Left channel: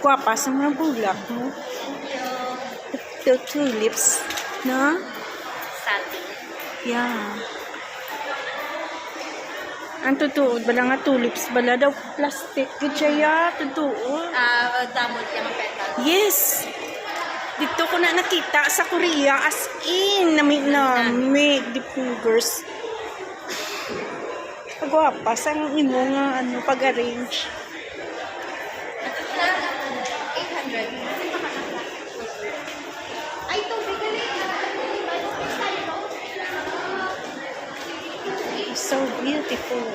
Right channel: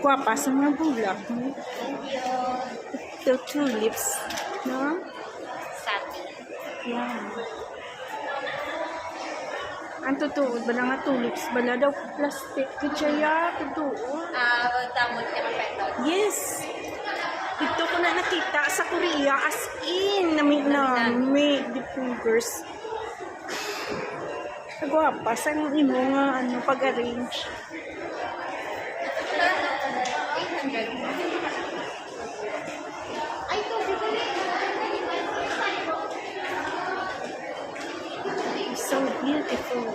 Agwapa sa mga bulak mo. Thank you. The tulips. Na? Satin. Yeah. Ang totoo, bala nga tulips, bala daw plastic. Gitsaya, totoo. Damon niya mga petal. Yes! Dito ko na nakita sa Korea, as in, nami the fingers. Agwapa, sang imo nga, pag-arrange. 800. Ay, tubig ka So beautiful.